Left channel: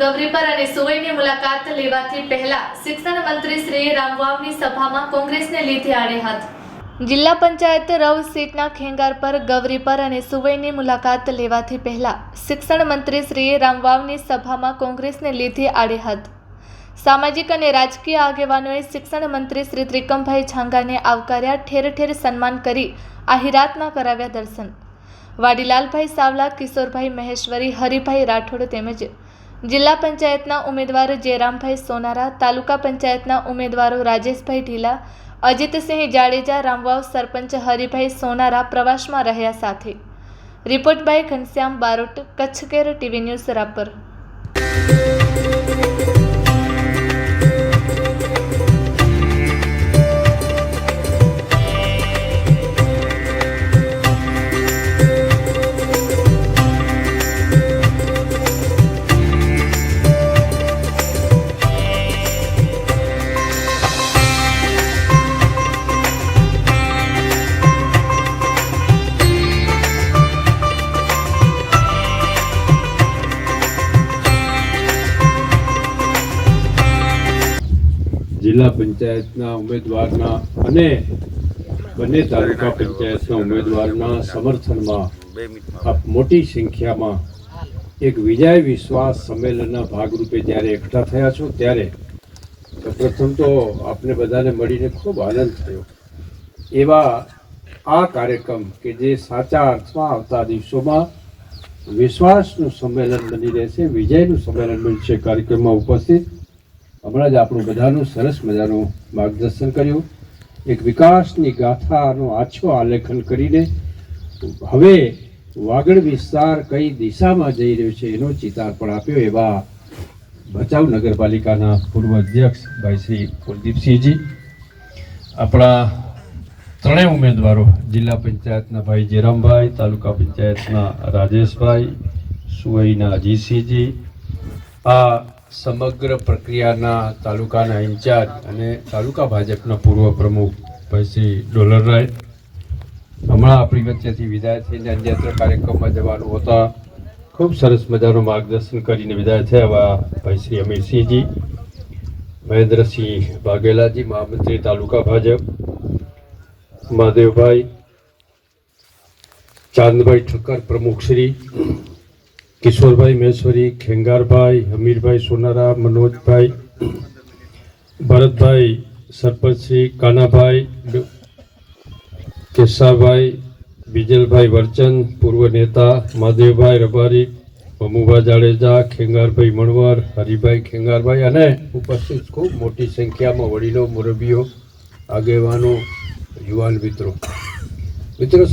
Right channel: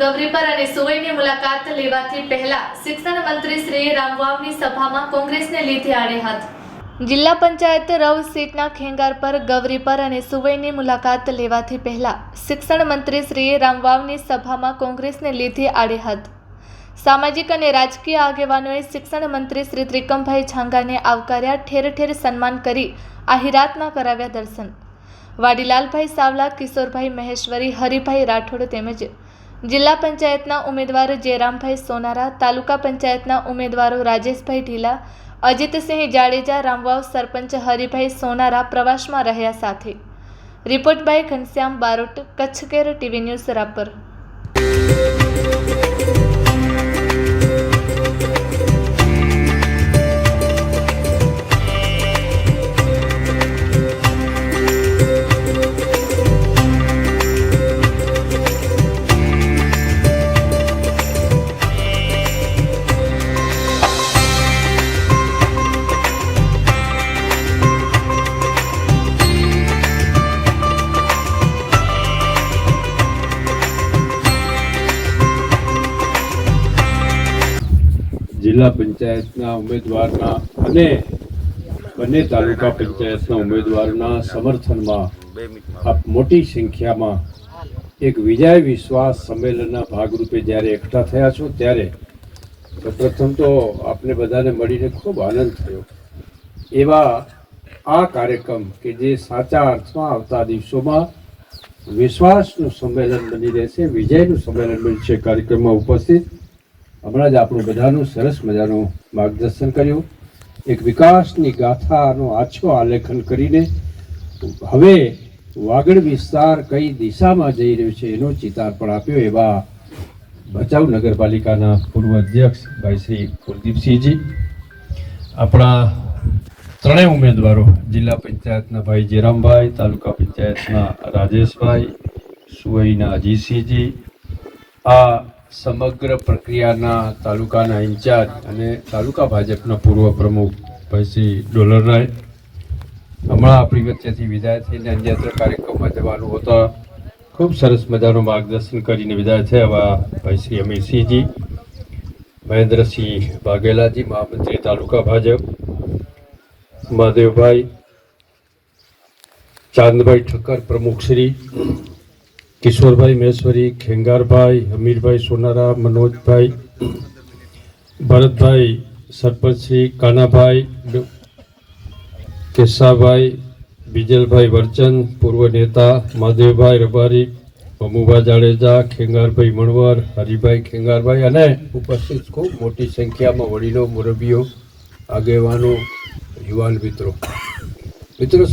ગૌરીપર અને સુવઈની મુલાકાત લેવાથી પહેલા શિક્ષણ મંત્રી શ્રી રામવાવની સભામાં કોંગ્રેસને લીધે આડે હાથ। જિલ્લા પંચાયત રવ સીટના ખેંગાર પર ગૌરીપર અને સુવઈની મુલાકાત લેવાથી પહેલા શિક્ષણ મંત્રી શ્રી રામવાવની સભામાં કોંગ્રેસને લીધે આડે હાથ। સામાજિક અને રાજકીય આગેવાનોએ શિક્ષણ મંત્રી શ્રી ત્રિકમભાઈ છાંગાને આવકાર્યા, ઠેર ઠેર સન્માન કરી આહિરાતના કરાવ્યા દર્શન। વાડીલાલભાઈ સાવલા, કિશોરભાઈ મહેશ્વરી, હરિભાઈ રાઠોડ તેમજ જિલ્લા પંચાયતના ઉમેદવાર જયરામભાઈ સોનારા, તાલુકા પંચાયતના ઉમેદવારો રાજેશભાઈ ઢીલા, અજીતસિંહ જાડેજા, રામવાવ સરપંચ હરિભાઈ સોનારા પ્રવાસમાં રહ્યા સાથે। Report by Ghanshyam Barot, Kutch care TV news Rapar. જિલ્લા પંચાયતના ઉમેદવારના અને બંને તાલુકા પંચાયતના ઉમેદવારના સમર્થનમાં આપ મોટી સંખ્યામાં એક વિજય વિશ્વાસ સંમેલનના ભાગરૂપે જ્યારે એકઠા થયા છો ત્યારે પ્રથમ તો આપને બધાને મળીને ખૂબ આનંદ થયો। એવા આ કાર્યક્રમ કે જે સાચા અર્થમાં આવતા દિવસોમાં વિશ્વાસનું સંમેલન બની રહેશે, વિજયનું સંમેલન બનશે, કાર્યક્રમમાં ઉપસ્થિત હમણાં જ આપણું બધાનું સરસ મજાનું માર્ગદર્શન કર્યું। એક વિકાસની ગાથાનો આછો આલેખન કરીને હવે વાગડ વિસ્તાર કઈ દિશામાં જઈ રહ્યો છે એનો ચિતાર પણ આપ્યો। એવા ભચાઉ નગરપાલિકાના પૂર્વ અધ્યક્ષ ભાઈ શ્રી કુલદીપસિંહજી, આપણા ત્રણેય ઉમેદવારો જિલ્લા પંચાયતના ભાઈ જયરામભાઈ, તાલુકા પંચાયતના રાજેશભાઈ, સુવઈના અજીતસિંહજી, આ સમગ્ર પ્રક્રિયાના તાલુકાના ઇન્ચાર્જ અને તાલુકા ભાજપના પૂર્વ પ્રમુખ ભાઈ શ્રી ડોલરરાય, હમણાં આપણી વચ્ચેથી વિદાય થઈને અન્યત્ર કાર્યક્રમમાં જવાનું હોતા ખૂબ સરસ મજાનું માર્ગદર્શન કરીને વિદાય થયા એવા ભાઈ શ્રી અમીરસિંહજી, મહેન્દ્રસિંહ વાઘેલાજી, મહામંત્રી તાલુકા ભાજપ, મહાદેવભાઈ, ચાંદભાઈ ઠક્કર પ્રમુખશ્રી, કિશોરભાઈ મહેશ્વરી, ખેંગારભાઈ, હમીરભાઈ સોનારા, મનોજભાઈ, ભરતભાઈ સરપંચશ્રી, કાનાભાઈ, કેશાભાઈ, બીજલભાઈ વરચંદ પૂર્વ નેતા, મહાદેવભાઈ રબારી, મમુભાઈ જાડેજા, ખેંગારભાઈ મણવર, હરિભાઈ ખેંગારભાઈ અને ઉપસ્થિત ખૂબ મોટી સંખ્યામાં વડીલો, મુરબીઓ, આગેવાનો, યુવાન મિત્રો,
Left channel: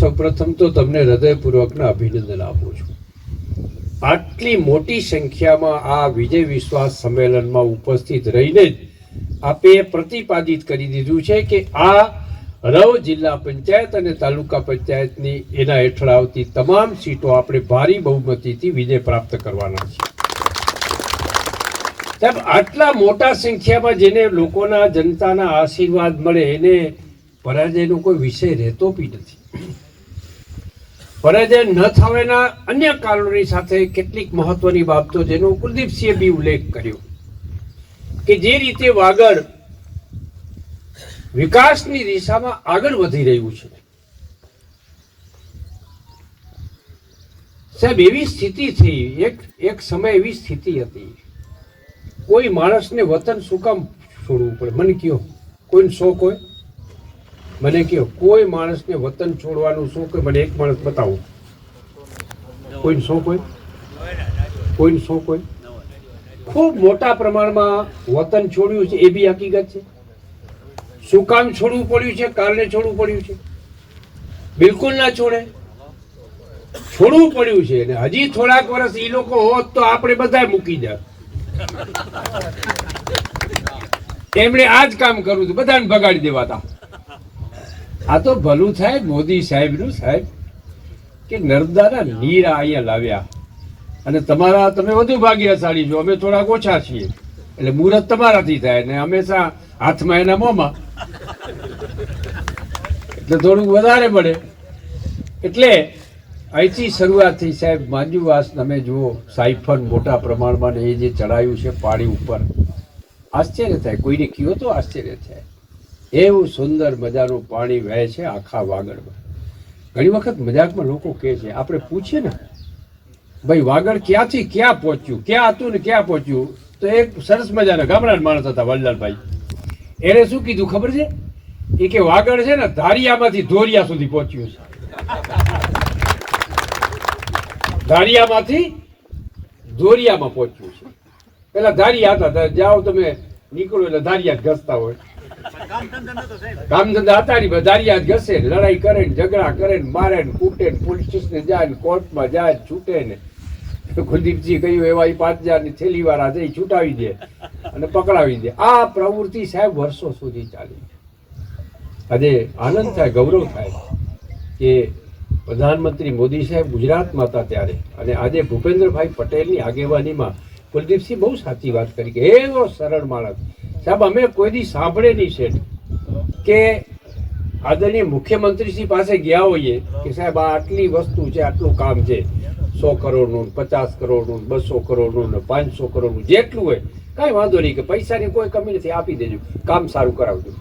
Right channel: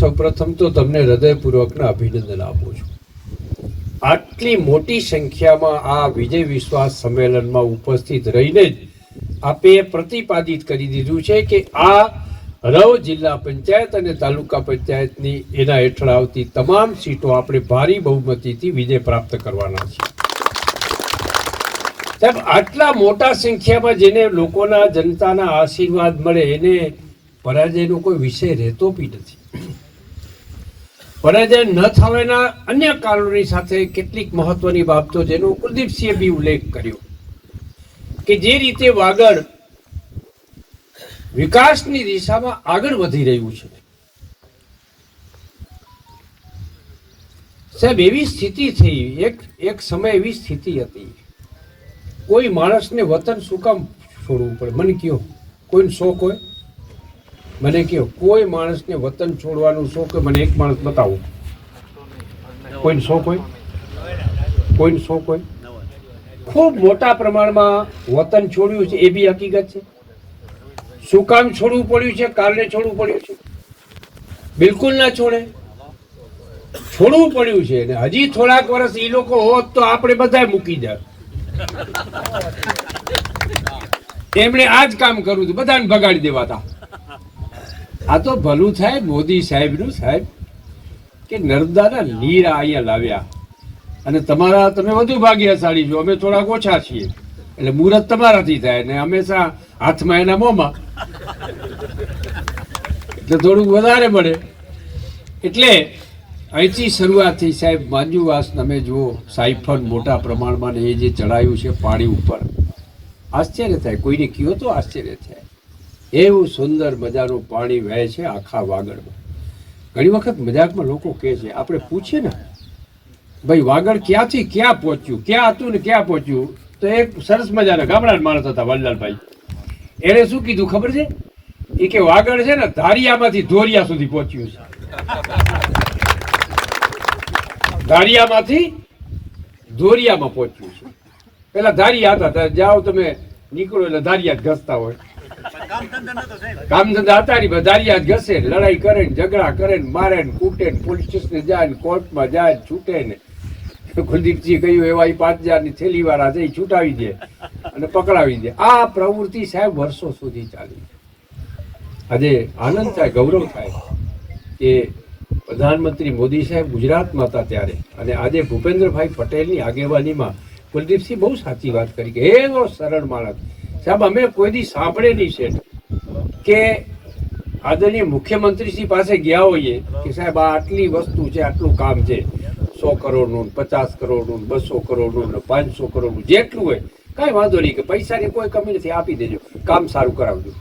સૌપ્રથમ તો તમને હૃદયપૂર્વકના અભિનંદન આપું છું। આટલી મોટી સંખ્યામાં આ વિજય વિશ્વાસ સંમેલનમાં ઉપસ્થિત રહીને જ આપે પ્રતિપાદિત કરી દીધું છે કે આ રવ જિલ્લા પંચાયત અને તાલુકા પંચાયતની એના હેઠળ આવતી તમામ સીટો આપણે ભારી બહુમતીથી વિજય પ્રાપ્ત કરવાના છે। સાહેબ, આટલા મોટા સંખ્યામાં જેને લોકોના જનતાના આશીર્વાદ મળે એને પરાજયનો કોઈ વિષય રહેતો બી નથી। પરાજય ન થવાના અન્ય કારણોની સાથે કેટલીક મહત્વની બાબતો જેનો કુલદીપસિંહે બી ઉલ્લેખ કર્યો કે જે રીતે વાગડ વિકાસની દિશામાં આગળ વધી રહ્યું છે। સાહેબ, એવી સ્થિતિ થઈ, એક સમય એવી સ્થિતિ હતી, કોઈ માણસને વતન શું કામ છોડવું પડે? મને કયો, કોઈનો શોખ હોય? મને કહો, કોઈ માણસને વતન છોડવાનું શોખ હોય? મને એક માણસ બતાવો, કોઈનો શોખ હોય? કોઈનો શોખ હોય? ખૂબ મોટા પ્રમાણમાં વતન છોડ્યું છે, એ બી હકીકત છે। શું કામ છોડવું પડ્યું છે? કારણે છોડવું પડ્યું છે? બિલકુલ ના છોડે, છોડવું પડ્યું છે અને હજી થોડાક વર્ષ એ લોકો હોત તો આપણે બધા મૂકી જાય। એમણે આ જ કામ કરવું હતું, બધાને ભગાડી દેવાતા। આ તો ભલું થાય મોદી સાહેબનું, સાહેબ, કે નર્મદાના નીર અહીંયા લાવ્યા અને તમે વધુ ભાગ્યશાળી છો, અમે થોડાક ઓછા છીએ, એટલે મુહૂર્ત તમારાથી થાય ને હંમેશા હાથમાં એના મોંમાં, એટલે થોડુંક વધારે મળે। એટલે અહીંથી શરૂઆત થઈ સાહેબ. માંજુવાસ તમે જુઓ, સાયફન મોટા પ્રમાણમાં ને એ જે ચડાયું છે પાણી ઉપર, આશ્ચર્ય થાય, કોઈને કયો તો આશ્ચર્ય થાય. એવું સુંદર મજાનું પાણી વહે છે આખા વાગડમાં. ઘણી વખત મજાકમાં લોકો કહે છે, આપણે પૂછીએ ને ભાઈ વાગડ ક્યાંથી ક્યાં પહોંચ્યું, ક્યાં હતું ને ક્યાં પહોંચ્યું, તો એક સરસ મજાના ગામડાના માણસ હતા વલ્લભભાઈ, એણે શું કીધું ખબર છે? એ કે વાગડ છે ને ધારિયામાંથી ધોરિયા સુધી પહોંચ્યું છે. ધારિયામાંથી ધોરિયામાં પહોંચ્યું છે. પેલા ધારિયા હતા, જાઓ તમે નીકળો એટલે ધારિયા જ ઘસતા હોય. કામ ધંધા હતા ને, ધારિયા જ ઘસે, લડાઈ કરે ને, ઝઘડા કરે ને, મારે ને, કૂટે ને, પોલીસ સ્ટેશને જાય ને, કોર્ટમાં જાય, છૂટે ને. કુલદીપજી કહ્યું એવા 5,000 ની થેલી વાળા જઈ છૂટાવી દે અને પકડાવી દે. આ પ્રવૃત્તિ સાહેબ વર્ષો સુધી ચાલી. આજે આનંદ થાય, ગૌરવ થાય કે પ્રધાનમંત્રી મોદી સાહેબ ગુજરાતમાં હતા ત્યારે, અને આજે ભૂપેન્દ્રભાઈ પટેલની આગેવાનીમાં કુલદીપસિંહ બહુ સાચી વાત કરી કે એવો સરળ માણસ. સાહેબ અમે કોઈ દી સાંભળે નહીં શેઠ કે આદરણીય મુખ્યમંત્રીશ્રી પાસે ગયા હોઈએ કે સાહેબ આ આટલી વસ્તુ છે, આટલું કામ છે, 100 કરોડનું, 50 કરોડનું, 200 કરોડનું, 500 કરોડનું, જેટલું હોય કાંઈ વાંધો નહીં, કે પૈસાની કોઈ કમી નથી, આપી દેજો, કામ સારું કરાવજો.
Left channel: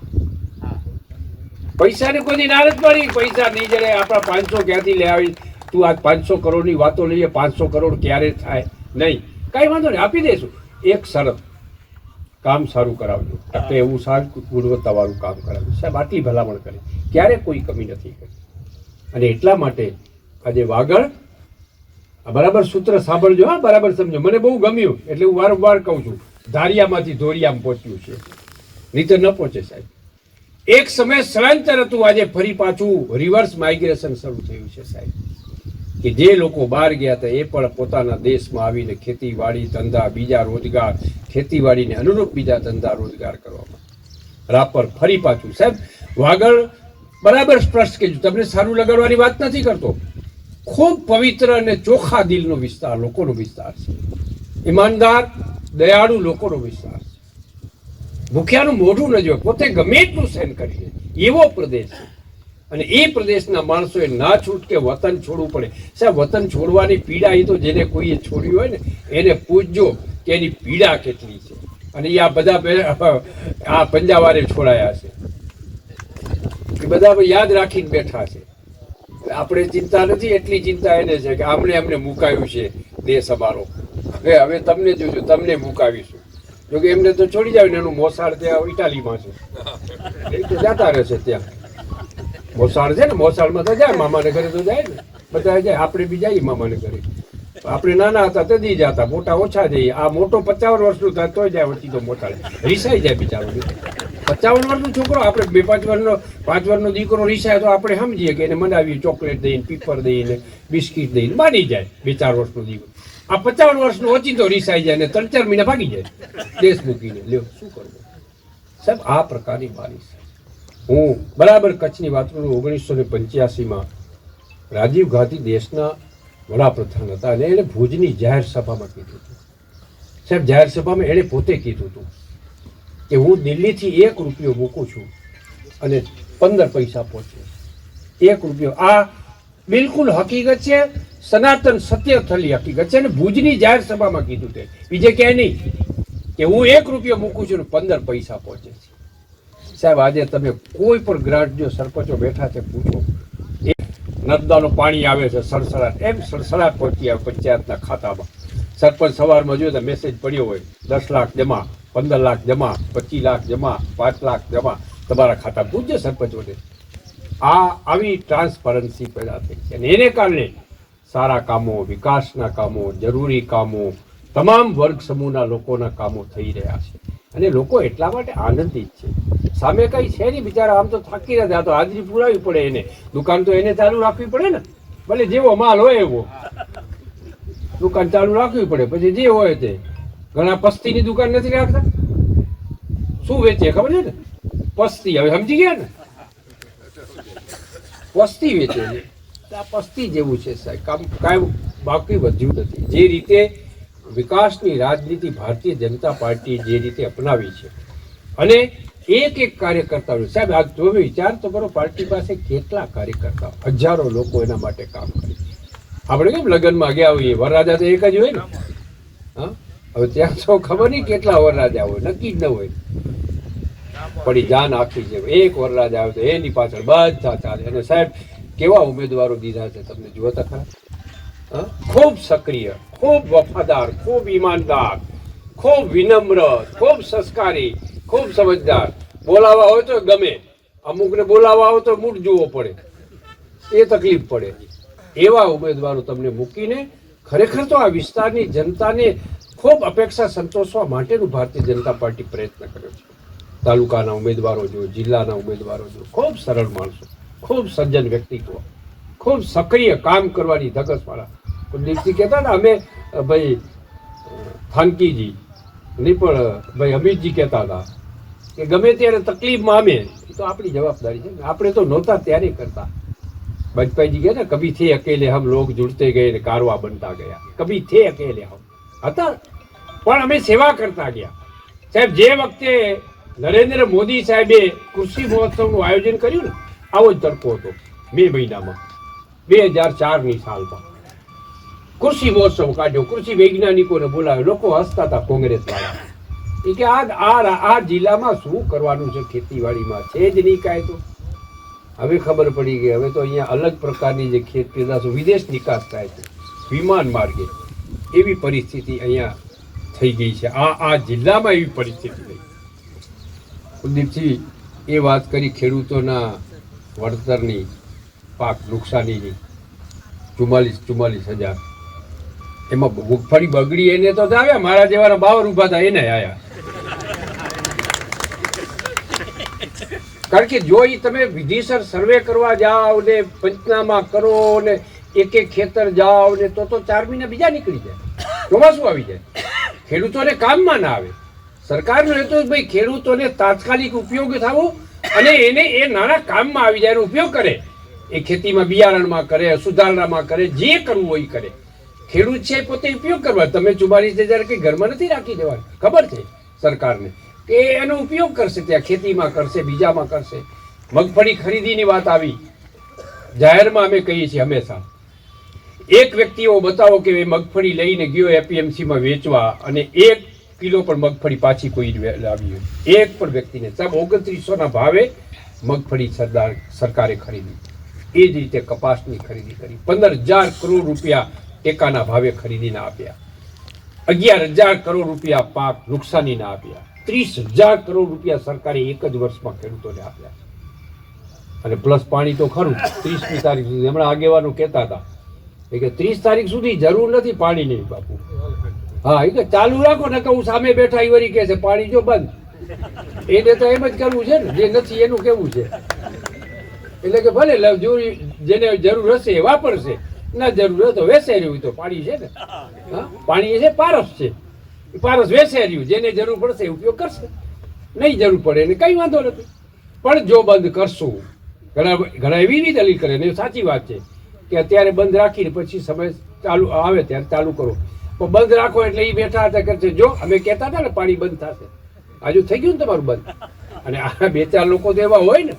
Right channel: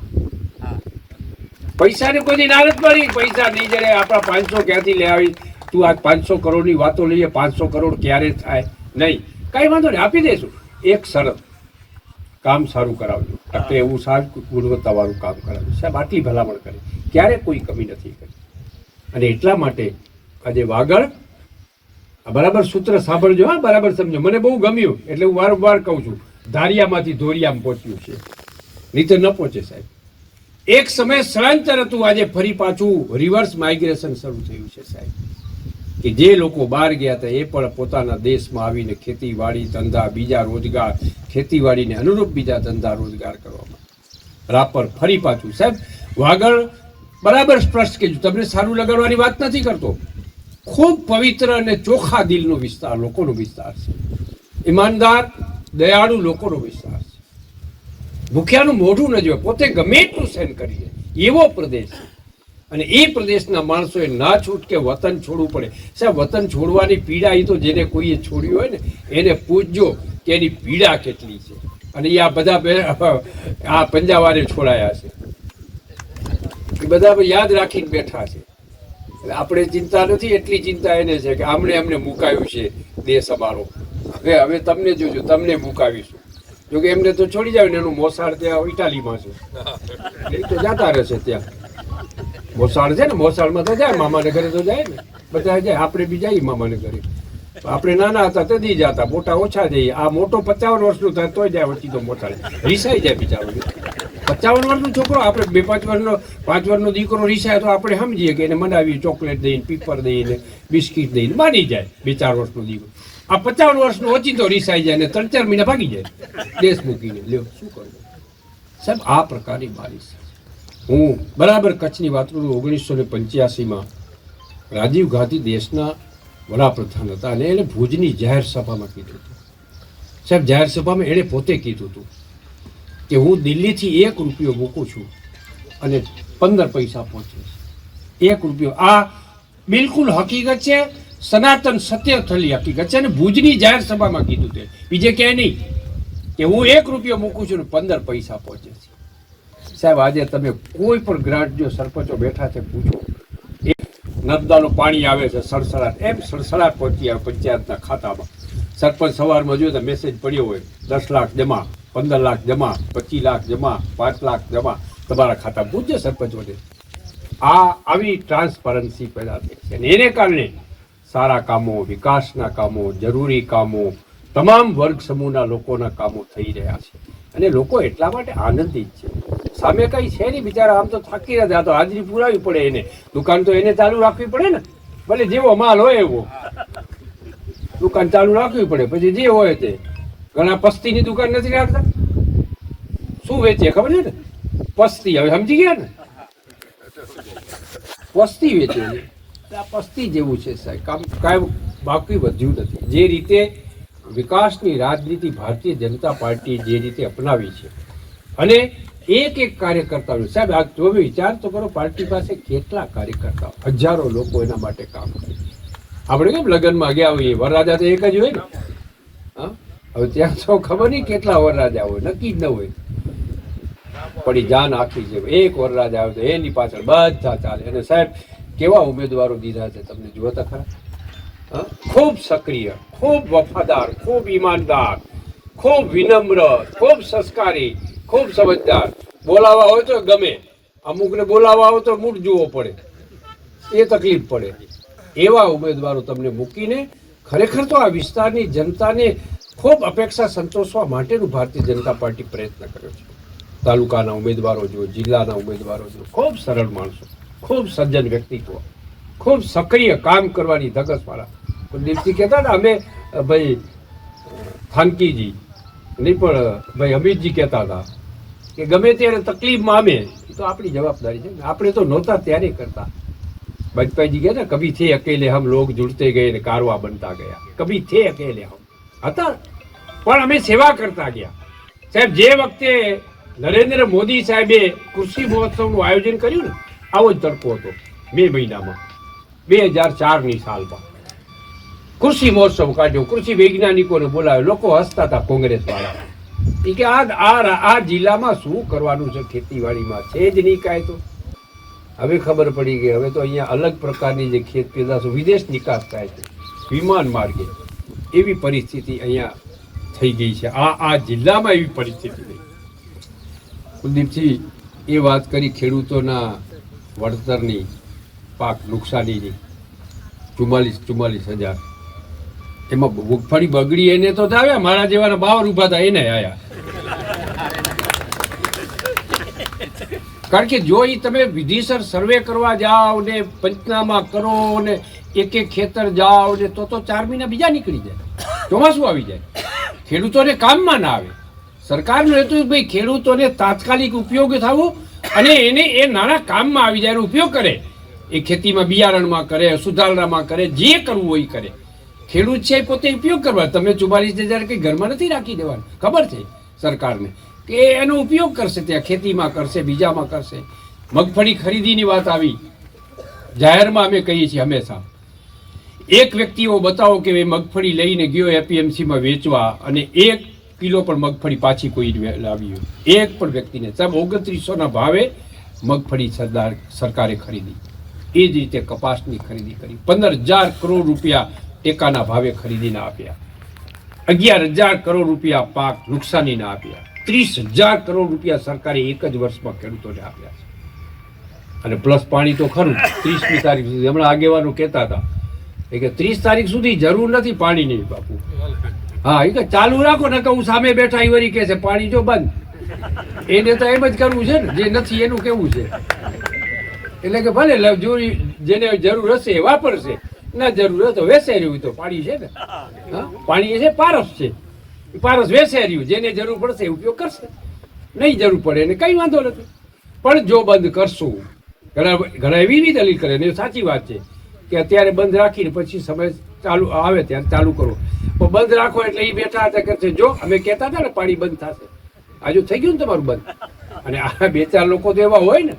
પૈસાની કોઈ ના નથી પડી, પૈસા નહીં જડે, આપણા 500 ક્યાંથી લઈ આવી, તું આ 500 કરોડની વાતો લઈએ, 500 કરોડ ક્યારે થાય નહીં, કાંઈ વાંધો નહીં, આપી દઈશું. એક શરત, કામ સારું કરાવજો, એટલે એવું સારું ગુણવત્તાવાળું કામ કરાવજો. સાહેબ આટલી ભલામણ કરી, ક્યારે કોઈ કમી નથી કરી. અને એટલા માટે આજે વાગડ, બરાબર સૂત્ર સાંભળજો, હા બરાબર સમજો, મને બહુ ગમ્યું એટલે હું વારંવાર કહું છું, ધારિયામાંથી ધોરિયામાં પહોંચ્યું છે, નીચે ન પહોંચે સાહેબ. એક સમય સ્થળાંતર હતું, આજે ફરી પાછું રિવર્સ માઇગ્રેશન શરૂ થયું છે સાહેબ, કે જે લોકો બહાર ગયા હતા એ પણ પોતાના દેશમાં આવીને ખેતીવાડી ધંધા, બીજા રોજગાર, ખેતીવાડીને અનુરૂપ બીજા ધંધા રોજગાર કરવામાં રાપર ફરી પાછું. સાહેબ વાગડ બરાબર સ્પષ્ટ કીધું, તમને સારું લગાડવાની વાત નથી કરતો, ખૂબ પવિત્ર અને ચોખ્ખા દિલનો વિસ્તાર, લોકોનો વિસ્તાર છે, ઈમાનદાર દયાળુ લોકોનો વિસ્તાર છે, ભૂખ્યાનું મોઢું ન જોવે, પોતે ગમે એટલું સહન કરી લે એવો પ્રદેશ છે. અને એ પ્રદેશના માણસોએ ના છૂટકે વતન છોડવું પડે. સાહેબ વતન છોડવાની પીડા એ તો જેને કોઈએ છોડ્યું હોય ને એને પૂછજો કે એની પીડા કેટલી છે. અને એ આ બધા આ પંજાવારે છોડાયા છે, એ બધા યાદ રાખીને બેઠા છે. આપણે ચિંતા નથી, એટલી ચિંતા એને છે કે અમને મુકાયું છે દેશ અમારો, હવે તમને જોજો, તમને મુકાવીશું. જોકે એમને તો છોડી જાય ને, એનું મોસાળ ત્યાં ઇટાલીમાં છે, એ તો જતા રહેશે ત્યાં. મોસાળ છે ને, મોસાળમાં તો જાય, મામાને ઘરે તો જાય ને, બધા જાય, આપણે બી જઈએ મામાને ઘરે. આપણે નાના હતા તે દી જતા, મોટા ઓછા જઈએ. આ મોટો 55 વર્ષનું થાય તોય જાય, વચ્ચે તો મોટા રીસાઈ જાય બિચારું. 55 વર્ષનો છોકરો, આપણે 2-5 વર્ષનો 5 વર્ષનો દીકરો રીસાય તો આપણે સમજીએ કે એને મનાવીએ, ચોકલેટ દઈને, પીપર દઈને, બિસ્કીટ દઈને માની જાય. 2-4 વર્ષનો દીકરો આ 55 વર્ષનો ઓચિંતો રીસાઈ જાય ને 3-4 મહિના ભાગી જાય દેશ મૂકીને. લ્યો શું કરવું સાહેબ, આ પ્રકારની બારીશ. હું બરાબર કચ્છની વાત કરું, 1985માં રાજીવ ગાંધી દેશના વડાપ્રધાન હતા, અને એણે ભુજની જાહેર સભામાં કીધું હતું સાહેબ, જાહેર સભામાં એણે પોતે કીધું હતું કે હું દિલ્હીથી 1 રૂપિયો મૂકું છું અને 15 પૈસા પહોંચે. 1 રૂપિયો, આ બિલકુલ હકીકત છે, સનાતન સત્ય થયેલી હકીકત છે. અને ભુજની જાહેર સભામાં કીધું તે, બીજે ક્યાંય નહીં, કે હું 1 રૂપિયો મૂકું છું ને 15 પૈસા પહોંચે છે. સાહેબ આજે તમે કોઈ પણ ગ્રાન્ટ, જો સરપંચો બેઠા છે પૂછો, નર્મદાનું પાણી આવે છે સડસડાટ, એમ સડસડાટ પહોંચી આવે પંચાયતના ખાતામાં. સરપંચ સવારમાં જોયું તો મેસેજ પડ્યો હોય, 10 લાખ જમા, 15 લાખ જમા, 25 લાખ જમા, 5 લાખ જમા તમારા ખાતા. પૂછજો સરપંચોને. આવી ટ્રાન્સપરન્સી પેદા થઈ છે, અને એને કારણે સારા કામો, વિકાસના કામો, જરૂરી કામો, તમામ વર્ગ સમૂહના લોકોના કામો થઈ રહ્યા છે. અને લોકો એટલા માટે આનંદિત છે. સામે કઈ છે નહીં, બિચારા આમ તો થાકી રહ્યા, તો હાજરી પુરાવી પડે એને, દુકાન તો એને ચાલુ રાખવી પડે ને, ભલે જેવો માલ હોય એવો દુકાન ચાલુ રાખવી પડે, પછી જે હોય તે. ઘણા પસ્તીની દુકાન નથી રાખતા, શું વેચે ખબર છે ને, પસ્તી. હવે સમજી ગયા ને, પસ્તી વેચે છે. આ પસ્તી જેવું છે સાહેબ, કાંઈ બાકી વધ્યું નથી. જે રીતે વિકાસની રાજનીતિ ભારતીય જનતા પાર્ટી જે રીતે અપનાવી છે, અને એક કાર્યકર્તાઓ સાહેબ, આ જો વિચાર તો કરો, પાર્ટી પાસે કેટલા કાર્યકર્તાઓ, હજારો લોકો એના માટે કામ કરે. આપણે કેમ લગ્નમાં ગયા હોઈએ વરરાજા તો એક જ હોય ને. હા, હવે ત્યાં તો ખબર નહીં કેટલા વરરાજા હોય, નક્કી જ ન હોય. પડી જાન આખી છે, એક વરરાજા આવે તો એની પાછળ બધા ચાલે. અને સાહેબ કેવા ઉમેદવારો દીધા છે તમને જુઓ તો ખરા. હા, ખૂબ સક્રિય, ખૂબ વફાદાર, ખૂબ ઈમાનદાર, ખૂબ વિનમ્ર, ખૂબ સંસ્કારી, ખૂબ સમજદાર. બોલાવા હોય તો ગમે, અમુકને બોલાવા હોય તો મૂઠ જોવો પડે, એ તકલીફ પડે. એવા ઉમેદવારો તમને મૂકીને ખરેખર તો આ વિસ્તારની જનતાને ખૂબ અપેક્ષા સંતોષવા માટેનું ભારતીય જનતા પાર્ટી પ્રયત્ન કર્યો છે. તાલુકાના ઉમેદવારો જો, જિલ્લાના ઉમેદવારો જો, ખૂબ સરળ માણસો, ખૂબ સજ્જન વ્યક્તિત્વ, ખૂબ સક્રિય કામ કરવાની ધગસવાળા. કુલદીપસિંહ કહેતા ને અમે ભાઈ થાનકીજી નહીં પણ ભાઈ અમિતજી કહેતા હતા કે ગમે ત્યારે તકલીફમાં અમે, એ તો આપણી જવાબદારી છે. આપણે તો નહોતા ત્યારે કરતા. वाजपेयी जी कहते कभी थे अकेले हम लोग जुड़ते गए ने कारवा बनता गया. कभी थे अकेले हम હતા પણ અમે સેવા કરતા ગયા. સાહેબ જે વખતે નરેન્દ્ર મોદી સાહેબે કૃષિ મહોત્સવનું આયોજન કર્યું ને, આવો જ તડકો હતો મે મહિનામાં 2004ની સાલમાં. કૃષિ મહોત્સવ કાઢ્યો, કૃષિ વૈજ્ઞાનિકોને બોલાવ્યો, લોકો હસતા હતા કોંગ્રેસ વાળા. એ કે આ જિલ્લામાં શું કરવાનું છે, ખેતીવાડીમાં છે જ નહીં કાંઈ. તો હવે ખબર પડી ગઈ, હવે તો અહીંયા અલગ પ્રકારની જે ખેત પેદાશો વિદેશ નિકાસ થાય છે વિમાન માર્ગે. એવી પરિસ્થિતિ અહીંયા થઈ ગઈ છે. આ જિલ્લામાં એવી પરિસ્થિતિ થઈ. કુલદીપસિંહ એ વાત કરી ખેડૂતોના વળતરની, પાક નુકસાનીની 44,000. એમાં મગફળી બગડી એને તો આવ્યા, મારા જેવાના બાવર ઉભા હતા એને આવ્યા. કારણ કે જો એ તમે વિધિસર સર્વે કરવા જાઓ ને પંચનામા કરો ને એક એક ખેતર જાઓ ને તો 4 મહિના બીજા નીકળી જાય, ચોમાસું આવી જાય, ખેડૂતોને કામમાં ના આવે. સરકારનું એ તો ભાઈ ખેડૂતોને તાત્કાલિક ઉપયોગ થવો અને એને એ નાના કામમાં આવી જાય, એનો ઉપયોગ કરે. એ ખેતીમાં બિયારણમાં કરે, સુધારણામાં કરે, જે કરવું હોય કરે. ખેડૂત છે પોતે ઉપયોગ કરવા. તમે 44,000 કંઈ ઘરમાં નથી રાખી દેવાનું, ખબર છે સરકારને કે એનો ઉપયોગ કરશે, ત્યાં ખેતીમાં કરશે, બીજામાં કરશે. મગફળી ખરીદીની વાત આવી, જાહેરમાં અમે કહીએ છીએ હંમેશા, એક વ્યક્તિઓ બતાવો કે એ મગફળી લઈને ગયો એપીએમસીમાં વેચવા અને 1 કિલો પણ મગફળી પાછી કોઈ લાવી હોય, એક પણ વ્યક્તિને. સાહેબ 2900ના ભાવે મગફળી સરકારે ખરીદી. એ જ રીતે કપાસની ખરીદી કરી, 15,000 કરોડ રૂપિયા ટેકાના ભાવે ખરીદીને આપ્યા, 11,000 કરોડ રૂપિયા પાક નુકસાનીના આપ્યા, 30,000 કરોડ રૂપિયા સરકારે એક જ વર્ષમાં ખેડૂતોને આપ્યા છે. અને પ્લસ પાણી તો ખરું 30મી તારીખ સુધી. હમણાં આગેવાનો કહેતા હતા કે 30 તારીખ સુધી જરૂર નથી પાણીની બાપુ. હા, એ કે ચાલુ રાખો ને, કહું સામે બેઠા એ વળી કહે છે પાણી જો બંધ. એને તો એમ જ કરવું છે ને, જે નથી એનું કેવું છે. એટલે કે ભલે જેને જરૂર હશે એ વાપરશે, ના જરૂર હોય તો વેસે રહ્યું. તો પાણી છે ને, હા પાણી છે, પારસ છે, પારસ વેસે રહ્યું. જેને જરૂર પડશે ઉપયોગ કરશે, નહીં જરૂર પડે એને કંઈ વાંધો નથી. પણ જો બંધ કરશું, ઘણા એવી દલીલ કરે ને, સાચી વાત છે કે અત્યારે બંધ રાખીને પછી સમય ચાલુ આવે ત્યારે ચાલુ કરો. પણ બંધ રાખો એટલે એ બેઠા હતા કરશે, જો અમે કહેતા હતા ને પાણી બંધ થશે, આજુ થઈ ગયું ને તમારું બંધ. અને આ 2-4 લોકો તો એવા હોય ને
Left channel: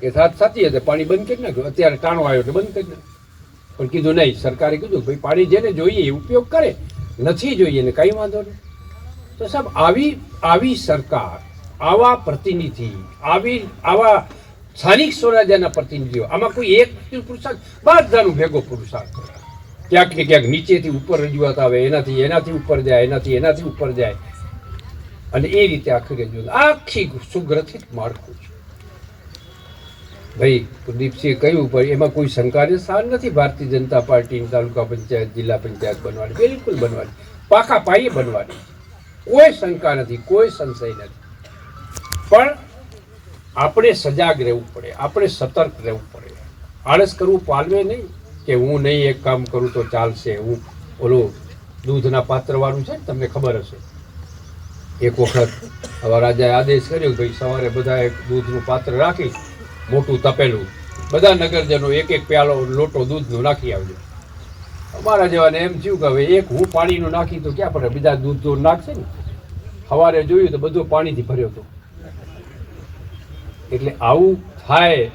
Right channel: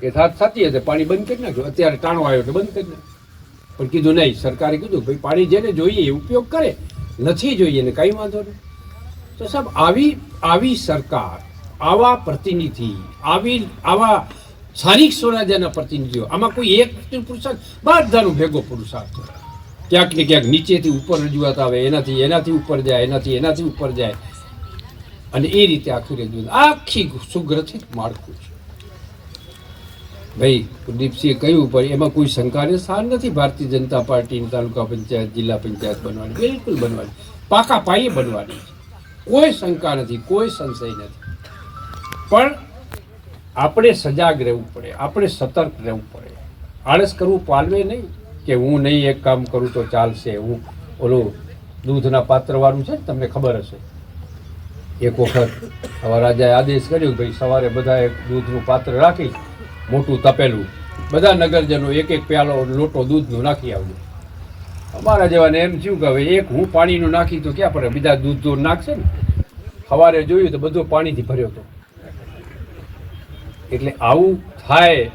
કે સાચી હશે, પાણી બંધ કરી નાખ્યો, અત્યારે ટાણો આવ્યો એટલે બંધ કરી નાખ્યો. પણ કીધું નહીં, સરકારે કીધું ભાઈ પાણી જેને જોઈએ એ ઉપયોગ કરે, નથી જોઈએ ને કંઈ વાંધો નહીં. તો સાહેબ આવી સરકાર, આવા પ્રતિનિધિ, આવા સ્થાનિક સ્વરાજ્યના પ્રતિનિધિઓ, આમાં કોઈ એક પુરુષાર્થ, બધાનો ભેગો પુરુષાર્થ હોય. ક્યાંક ને ક્યાંક નીચેથી ઉપર રજૂઆત આવે, એનાથી ઉપર જાય, એનાથી ઉપર જાય, અને એ રીતે આખી રજૂઆત, આખી સુગ્રથિત માળખું છે. ભાઈ કુલદીપસિંહે કહ્યું પણ એમાં કોઈ શંકાને સ્થાન નથી. ભારતીય જનતા પાર્ટીની તાલુકા પંચાયત, જિલ્લા પંચાયત બનવાની, બિલકુલ બનવાની, પાકા પાયે બનવાની છે. કોઈ શંકા નથી, કોઈ સંશય નથી. પણ આપણે સજાગ રહેવું પડે, આપણે સતર્ક રહેવું પડે. આળસ કરવું પાલવે નહીં કે હું નહીં એક કામ કરું તો ચાલશે. હું ઓલું દૂધના પાત્રવાળું છે ને, તમને ખબર હશે, એક વખત હવે રાજાએ આદેશ કર્યો ભાઈ સવારે બધા એક દૂધનું પાત્ર રાખી, મોટું તપેલું, બધા નગરજનો એક પ્યાલો લોટો દૂધનું નાખી આવજો. અમારા જેવાને એમ થયું કે હવે એક હું પાણીનું નાખી તો ક્યાં પડે, બીજા દૂધ નાખશે ને. સવારે જોયું તો બધું પાણીથી ભર્યો હતો. એટલે આવું થાય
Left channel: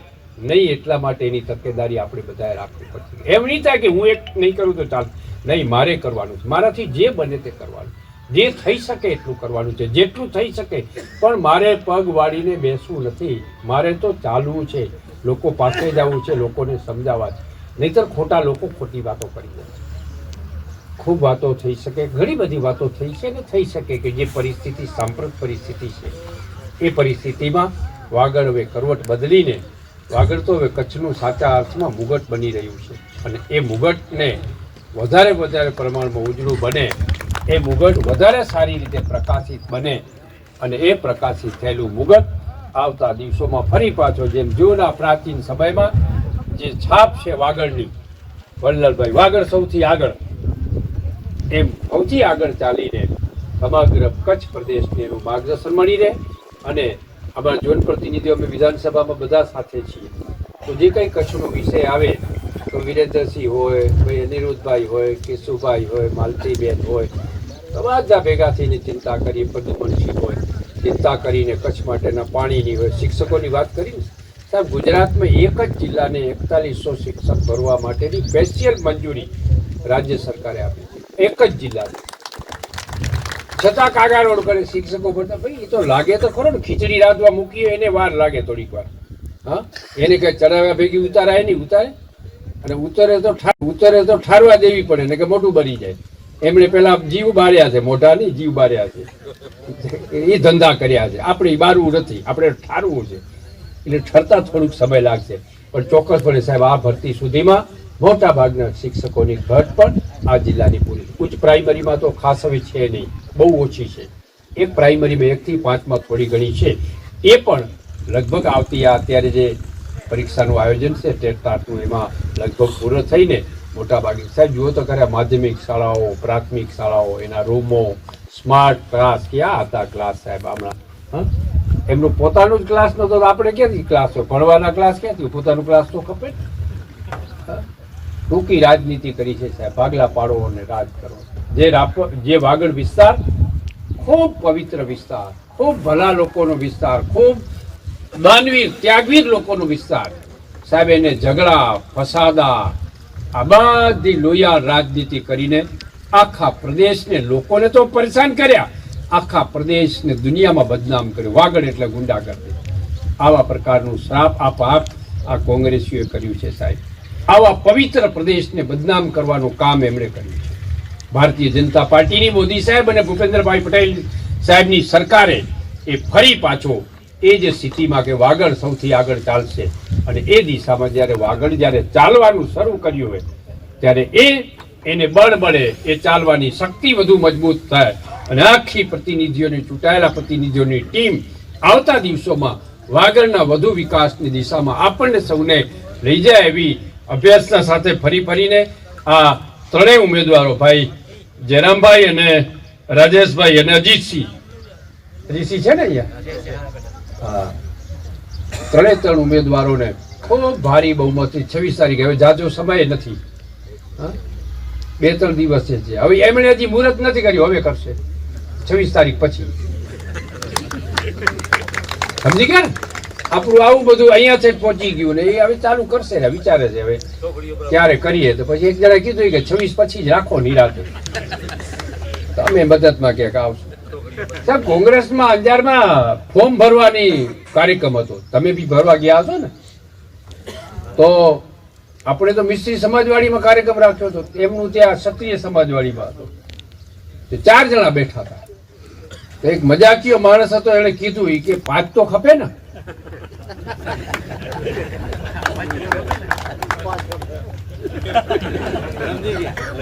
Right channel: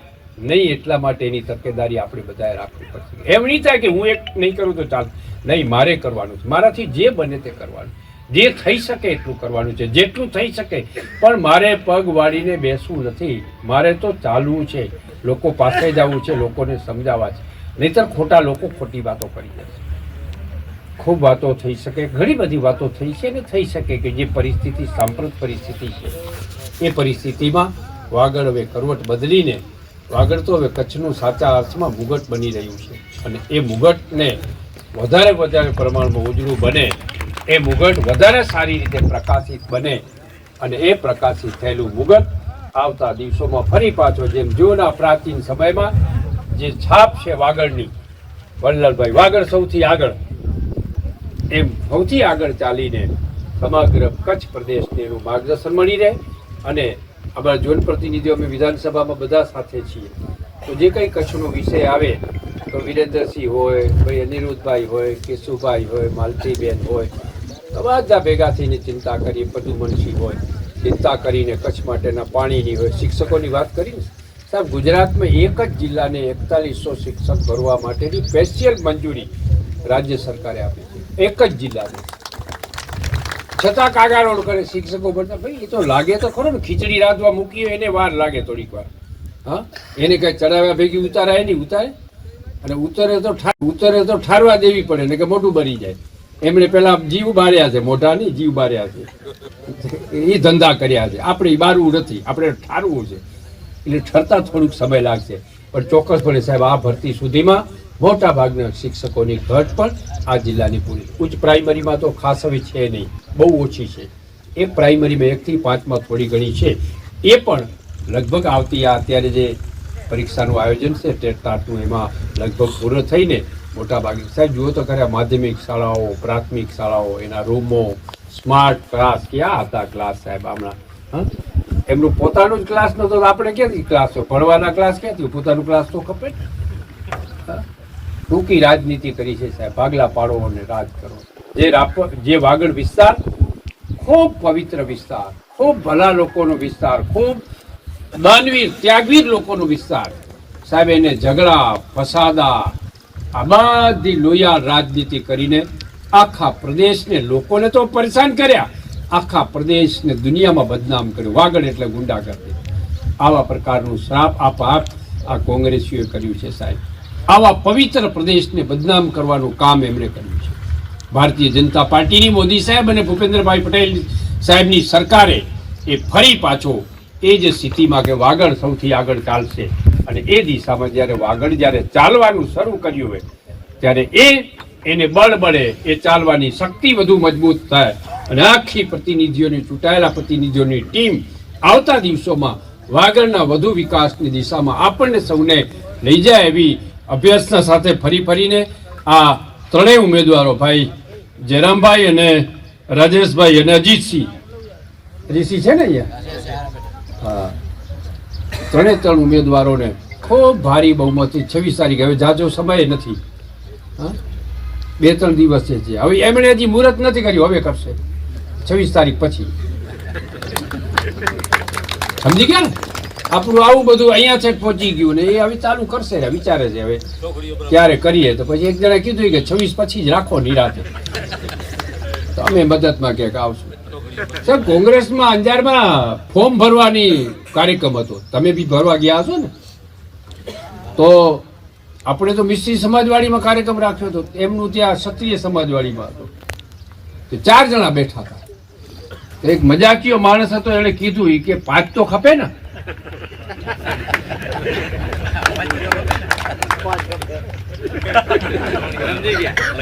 નહીં, એટલા માટે એની તકેદારી આપણે બધાએ રાખવી પડશે. એમ નહીં થાય કે હું એક નહીં કરું તો ચાલ, નહીં, મારે કરવાનું છે. મારાથી જે બને તે કરવાનું, જે થઈ શકે એટલું કરવાનું છે, જેટલું થઈ શકે. પણ મારે પગ વાળીને બેસવું નથી, મારે તો ચાલવું છે, લોકો પાસે જવું છે, લોકોને સમજાવવા છે. નહીંતર ખોટા લોકો ખોટી વાતો કરી જશે. ખૂબ વાતો થઈ શકે, ઘણી બધી વાતો થઈ છે ને થઈ શકે કે જે પરિસ્થિતિ સાંપ્રત પરિસ્થિતિ છે એ પરિસ્થિતિમાં વાગડ હવે કરવટ બદલીને, વાગડ તો હવે કચ્છનું સાચા અર્થમાં મુગટ બની રહ્યું છે. અને એ મુગટને વધારે પ્રમાણમાં ઉજળું બને, એ મુગટ વધારે સારી રીતે પ્રકાશિત બને, અને એ પ્રકાશિત થયેલું મુગટ આવતા દિવસોમાં ફરી પાછો જેમ જૂના પ્રાચીન સમયમાં જે છાપ છે વાગડની, વલ્લભભાઈ વાગડ સૌથી આગળ, એમ સૌથી આગળ ચાલીને સમગ્ર કચ્છ પ્રદેશને એનું માર્ગદર્શન મળી રહે. અને અમારા ઝોન પ્રતિનિધિઓ અમે વિધાનસભામાં બધા સાથે છીએ, તો જે કંઈ કચ્છનો વિષય આવે તો વિરેન્દ્રસિંહ હોય, ભાઈ અનિરુદ્ધભાઈ હોય, કેશુભાઈ હોય, માલતીબેન હોય, બધા ભેગા થઈને ચિંતા કરીએ. પદ્મનસિંહ હોય, ચિંતા કરીને કચ્છ માટેના પાણીની હોય. શિક્ષકોની વાત કરીને સાહેબ, ગુજરાતમાં એક જ જિલ્લાને 4100 શિક્ષક ભરવા માટેની સ્પેશિયલ મંજૂરી રાજ્ય સરકારે આપી છે, એક જ જિલ્લાને. છતાં કાગારોડ કરે શિક્ષકો ભરતા. ભાઈ એ તો લાગે તો ખરો ને, ખીચડી રાંધવા મૂકી એને વાર લાગે થોડીક વાર. હા, એને કઈ ચડાવ્યા ભેગી ઉતારાય નહીં, ઉતારે. અને ઉતરે તો ઠારવા દેવી પડે ને કે મોઢું બની જાય. એમણે પેલા જીવ બાર્યા છે, મોઢા નહીં જીવ બાર્યા છે, એ ધંધા કર્યા છે. આપણે બારવું નથી, આપણે ઠારવું છે. એટલે ઠરતા થોડુંક સમય લાગશે, પણ ચોક્કસપણે સાહેબ આ ભરતી સુધીમાં મોટા ભાગના શિક્ષકોની ઘટ પણ આ જિલ્લાની પૂરી. ઉચ્ચ પ્રાઇમરીમાં તો ખાસ હવે છે નહીં, બહુ ઓછી છે. એ પ્રાઇમરીમાં 1 થી 5માં થોડી ઘણી છે. એ પણ લગભગ આવતી અત્યારે જે પરીક્ષાનું આયોજન છે ટેટનું, એમાં લગભગ પૂર્ણ થઈને મોટા ભાગે સાહેબ જુઓ તો ખરા માધ્યમિક શાળાઓ, પ્રાથમિક શાળાઓ, એના રૂમો, સ્માર્ટ ક્લાસ, ક્યાં હતા ક્લાસ સાહેબ હમણાં? હા, એમનું પોતાનું જ ક્લાસ નતો તો આપણે ક્યાંથી ક્લાસ હોય? ભણવાના ક્લાસ ક્યાંથી? પોતાનું ક્લાસ તો ખપે ને. ટૂંકી રાજનીતિ કરી છે સાહેબ, ભાગલા પાડો અને રાજ કરો. જે વાગડ વિસ્તાર ખૂબ પવિત્ર વિસ્તાર, ખૂબ ભલા લોકોનો વિસ્તાર, ખૂબ માનવીર ત્યાગવીર લોકોનો વિસ્તાર સાહેબ, એને ઝઘડા ફસાદા આ બધી લોહિયાળ રાજનીતિ કરીને આખા પ્રદેશને, લોકોને તો પરેશાન કર્યા, આખા પ્રદેશને દુનિયામાં બદનામ કર્યો. વાગડ એટલે ગુંડાગર્દી. આવા પ્રકારનું શ્રાપ આપઆપ આ કોંગ્રેસીઓએ કર્યું છે સાહેબ. આવા પવિત્ર પ્રદેશને બદનામ કરવાનું કામ એમણે કર્યું છે. ભારતીય જનતા પાર્ટીની મોદી સાહેબ અને ભૂપેન્દ્રભાઈ પટેલ સાહેબની સરકારે એ ફરી પાછો એ જ સ્થિતિમાં કે વાગડ સૌથી આગળ ચાલશે, અને એ દિશામાં જ્યારે ચાલવાનું શરૂ કર્યું હોય ત્યારે એને બળ મળે, એ ચાલવાની શક્તિ વધુ મજબૂત થાય, અને આખી પ્રતિનિધિઓની, ચૂંટાયેલા પ્રતિનિધિઓની ટીમ આવતા દિવસોમાં વાગડના વધુ વિકાસની દિશામાં આપણને સૌને લઈ જાય એવી અભ્યાસના સાથે ફરીને આ ત્રણેય ઉમેદવારો ભાઈ જયરામભાઈ અને રાજેશભાઈ અને અજીતસિંહ છે ને અહીંયા, હા, ત્રણ ઉમેદવારોને ખૂબ ભારી બહુમતી 26 તારીખે, હવે જાજો સમય નથી, 2-3 દિવસ છે. હવે એમણે હજી મુહૂર્ત નથી કર્યું, હવે કરશે 26 તારીખ પછી. સમજી ગયા ને? આપણું આવું બધું અહીંયા છે પહોંચી ગયું ને, એ હવે ચાલુ કરશે ને, વિચારે છે હવે ત્યારે કરીએ. તો પછી એક જણા કીધું કે 26 પછી જ રાખો નિરાતે, તો અમે મદદમાં ક્યાંક આવશું. સાહેબ, કોંગ્રેસમાં અંજારમાં ફોર્મ ભરવાની કાર્યક્રમ હતો, તમે બી ભરવા ગયા હશો ને? તો આપણે તો મિસ્ત્રી સમાજવાડીમાં કાર્યક્રમ રાખ્યો હતો, એમનું ત્યાં ક્ષત્રિય સમાજવાડીમાં હતો. તો 4 જણા બેઠા હતા. તો એક મજાકીયો માણસ હતો, એણે કીધું કે 5 તો ખપે ને.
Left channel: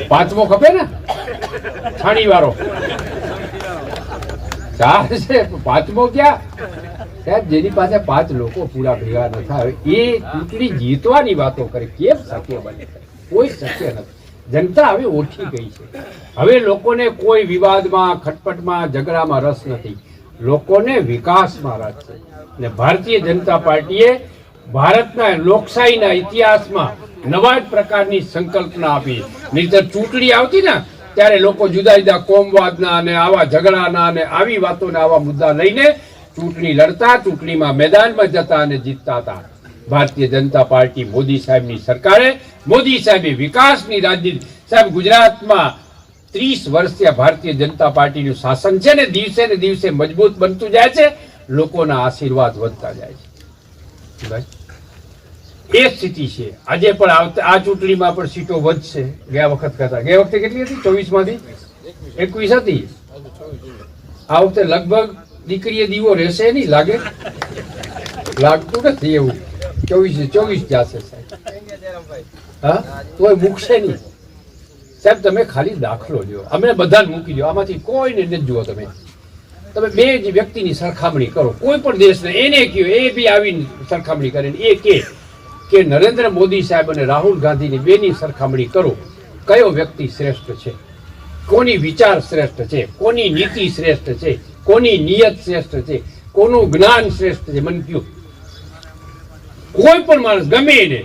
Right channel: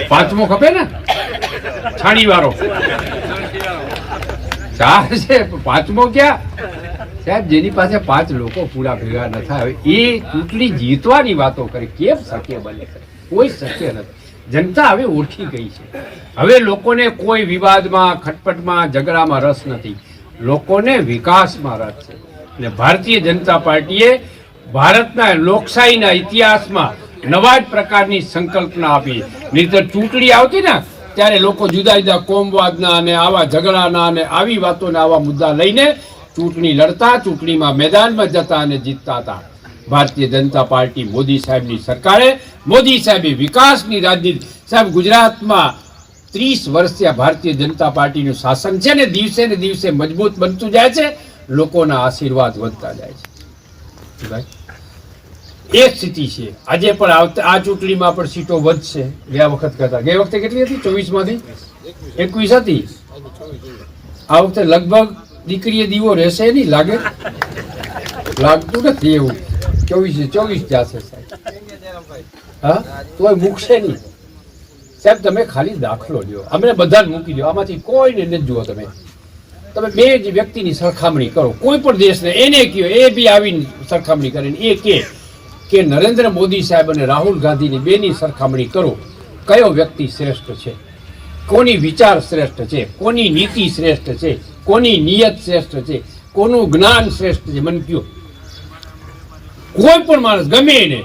પાંચમો ખપે ને, છાણી વાળો 4 છે, 5મો ક્યાં સાહેબ? જેની પાસે 5 લોકો પૂરા ભેગા ન થાય એ ચૂંટણી જીતવાની વાતો કરે, કેમ શક્ય બને? કોઈ શક્ય નથી. જનતા હવે ઓળખી ગઈ છે. હવે લોકોને કોઈ વિવાદમાં, ખટપટમાં, ઝઘડામાં રસ નથી. લોકોને વિકાસમાં રસ છે. અને ભારતીય જનતા પાર્ટીએ ભારતના લોકશાહીના ઇતિહાસમાં નવા જ પ્રકારની સંકલ્પના આપી. નહીંતર ચૂંટણી આવતી ને ત્યારે લોકો જુદા જુદા કોમવાદના અને આવા ઝઘડાના અને આવી વાતોના આવા મુદ્દા લઈને ચૂંટણી લડતા, ચૂંટણીમાં મેદાનમાં જતા અને જીતતા હતા. ભારતીય જનતા પાર્ટી મોદી સાહેબની સરકારે, મોદી સાહેબે વિકાસની રાજનીતિ, સાહેબ ગુજરાતમાં 30 વર્ષથી આ ભારતીય જનતા પાર્ટીનું શાસન છે ને દિવસે મજબૂત બનતું જાય છે, લોકોના આશીર્વાદ વધતા જાય છે. ભાઈ એક સ્થિતિ છે, આજે પણ આ ચૂંટણીમાં પણ સીટો વધશે ગયા વખત કરતા. ગયા વખતે કેટલી હતી? 24 માંથી 21 હતી. આ વખતે લગભગ દીકરીએ દીવો રહેશે નહીં, લાગતું નથી એવું. 24 જશે સાહેબ. હા, તોય મૂકશે નહીં સાહેબ. તમે ખાલી દાખલો લ્યો, અમને બધાને મૂકી દો, આમાંથી કોઈને નથી જુઓ. તમે બે જ વ્યક્તિની સરખામણી કરો કોઈ પણ દેશને, એને કહો, એ બી આવીને સરખામણી કરે, એ કે નરેન્દ્ર મોદી સાહેબ અને રાહુલ ગાંધીની બેની સરખામણી કરો, કયો વ્યક્તિ શ્રેષ્ઠ છે, કોની વિચાર શ્રેષ્ઠ છે, કોની નીતિ શ્રેષ્ઠ છે, કોની નિયત શ્રેષ્ઠ છે, કોનું જ્ઞાન શ્રેષ્ઠ છે, મને કયો. કોઈ પણ માણસ ગમે એને,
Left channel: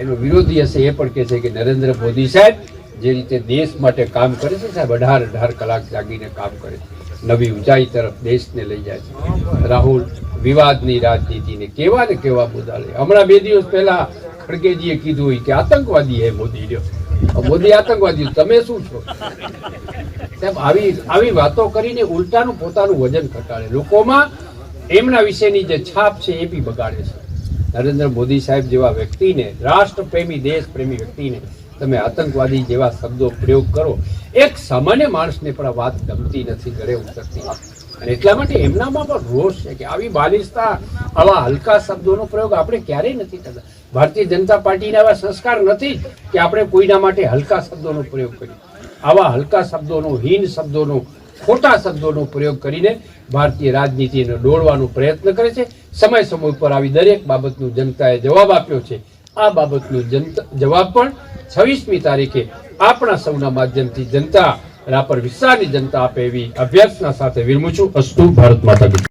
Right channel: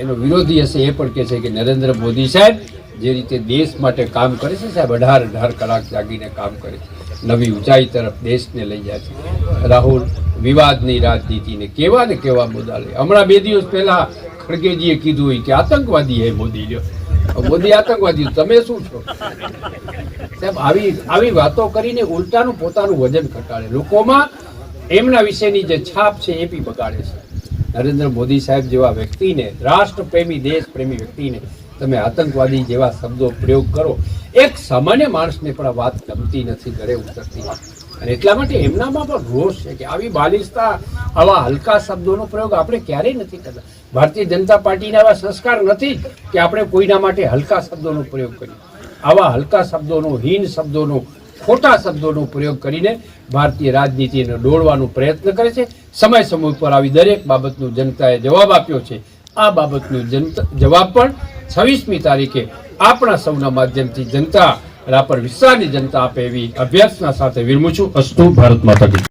એનો વિરોધી હશે એ પણ કહે છે કે નરેન્દ્ર મોદી સાહેબ જે રીતે દેશ માટે કામ કરે છે સાહેબ, 18 કલાક જાગીને કામ કરે છે, નવી ઊંચાઈ તરફ દેશને લઈ જાય છે. રાહુલ વિવાદની રાજનીતિને કેવા ને કેવા મુદ્દા લે. હમણાં 2 દિવસ પહેલા ખડગેજીએ કીધું હોય કે આતંકવાદી હે મોદી. લ્યો, મોદી આતંકવાદી, તમે શું છો સાહેબ? આવી વાતો કરીને ઉલટાનું પોતાનું વજન ઘટાડે, લોકોમાં એમના વિશેની જે છાપ છે એ બી બગાડે છે. નરેન્દ્ર મોદી સાહેબ જેવા વ્યક્તિને, રાષ્ટ્રપ્રેમી દેશપ્રેમી વ્યક્તિને તમે આતંકવાદી જેવા શબ્દો પ્રયોગ કરો, એક સામાન્ય માણસને પણ આ વાત ગમતી નથી, ઘરે ઉતરતી. અને એટલા માટે એમનામાં પણ રોષ છે કે આવી બાલિશતા, આવા હલકા શબ્દોનો પ્રયોગ આપણે ક્યારેય નથી કરતા. ભારતીય જનતા પાર્ટીના આવા સંસ્કાર નથી કે આપણે કોઈના માટે હલકા શબ્દોનો પ્રયોગ કરીએ. આવા હલકા શબ્દોનો, હીન શબ્દોનો, ખોટા શબ્દોનો પ્રયોગ કરીને ભારતીય રાજનીતિને દોડવાનો પ્રયત્ન કરે છે. સમય પર આવી દરેક બાબતનો જનતાએ જવાબ આપ્યો છે. આ બાબતનો જવાબ પણ 26મી તારીખે આપણા સૌના માધ્યમથી જનતા રાપર વિસ્તારની જનતા આપે એવી અભ્યર્થના સાથે વિરમું છું. અસ્તુ. ભારત માતા કી જય.